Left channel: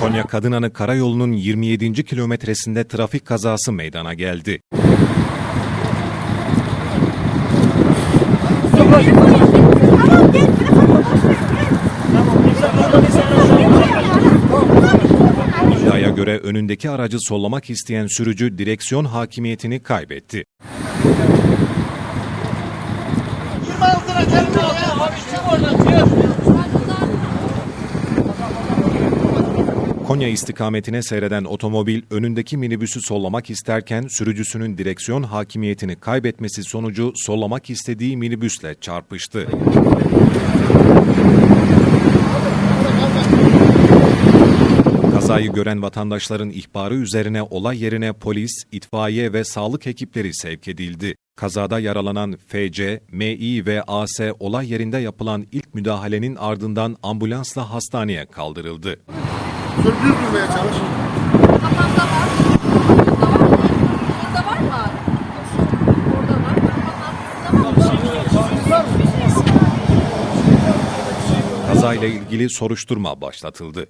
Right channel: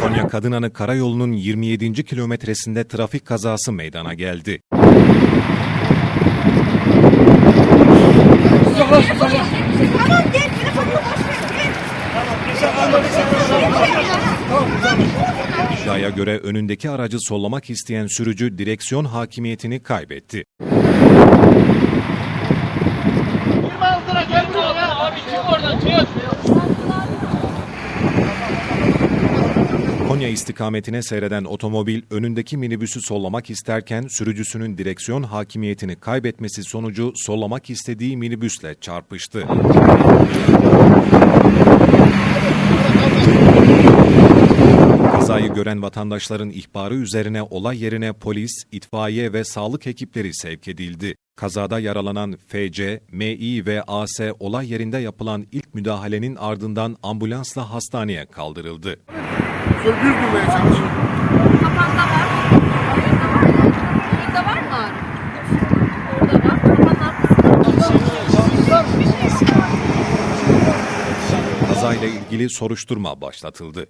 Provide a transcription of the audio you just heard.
Konya Kadınanı Karayolu'nun 27. kilometresinde trafik kazası meydana geldi. İddiaya göre önündeki aracı sollamak isteyen sürücü direksiyon hakimiyetini kaybetti. Konya istikametine seyreden otomobil önündeki minibüsü sollamak isterken sürücüsünün direksiyon hakimiyetini kaybetmesi sonucu sollamak istediği minibüsle çarpıştı. Kazayı gören vatandaşların ihbarı üzerine olay yerine polis, itfaiye ve sağlık ekipleri sevk edildi. Kazada yaralanan FC, MI ve AS olay yerinde yapılan ilk müdahalenin ardından ambulansla hastaneye kaldırıldı. Düz durmaya çalış. Kafamda var. Burada var mı? Burada var mı? Orada var. Kafanın arkasında var. Kazayla ilgili soruşturma başlatıldı.